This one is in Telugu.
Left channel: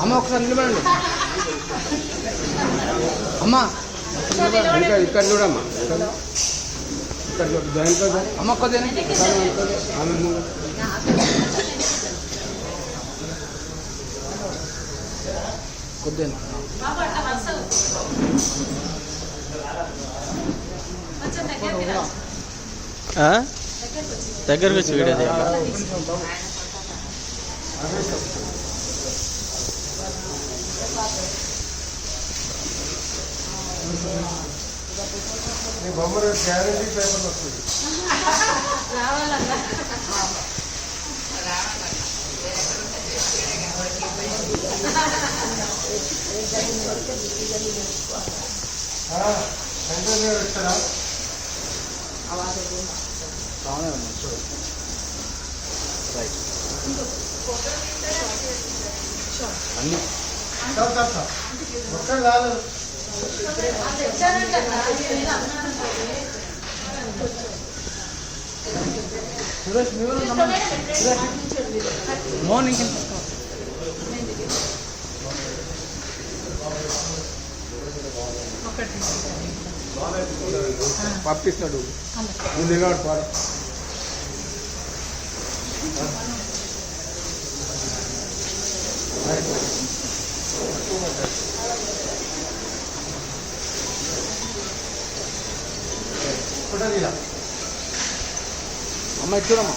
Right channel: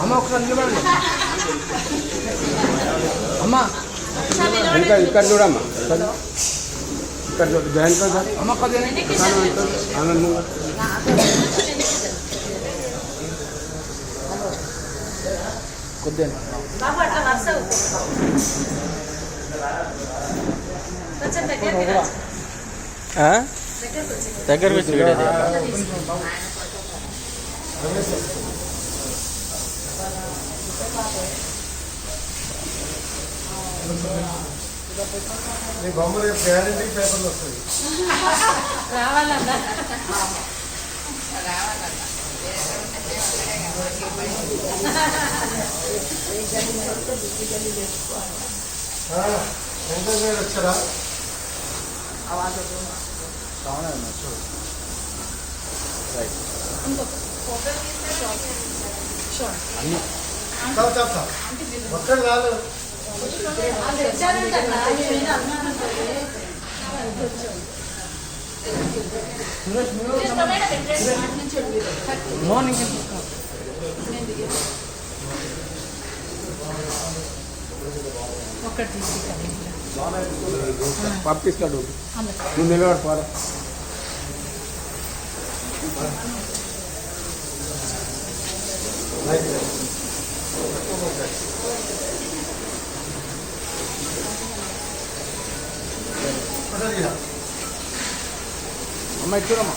అమ్మ ఒకసారి నిలబడండి అమ్మ ఇంకా ఇక్కడ చూడమ్మా ఇక్కడ చూడు జాయిన్ కదా అమ్మ కొద్దిగా ఆమె కొద్దిగా దగ్గర వచ్చి నీ బొమ్మ రేపు గ్యారెంటీ పేపర్లు వస్తుంది రావాలన్నా వచ్చారా మొత్తం కాదు మార్నింగ్ పంపిస్తాడు నువ్వు నిలబడి పాడు అమ్మ చూడమ్మా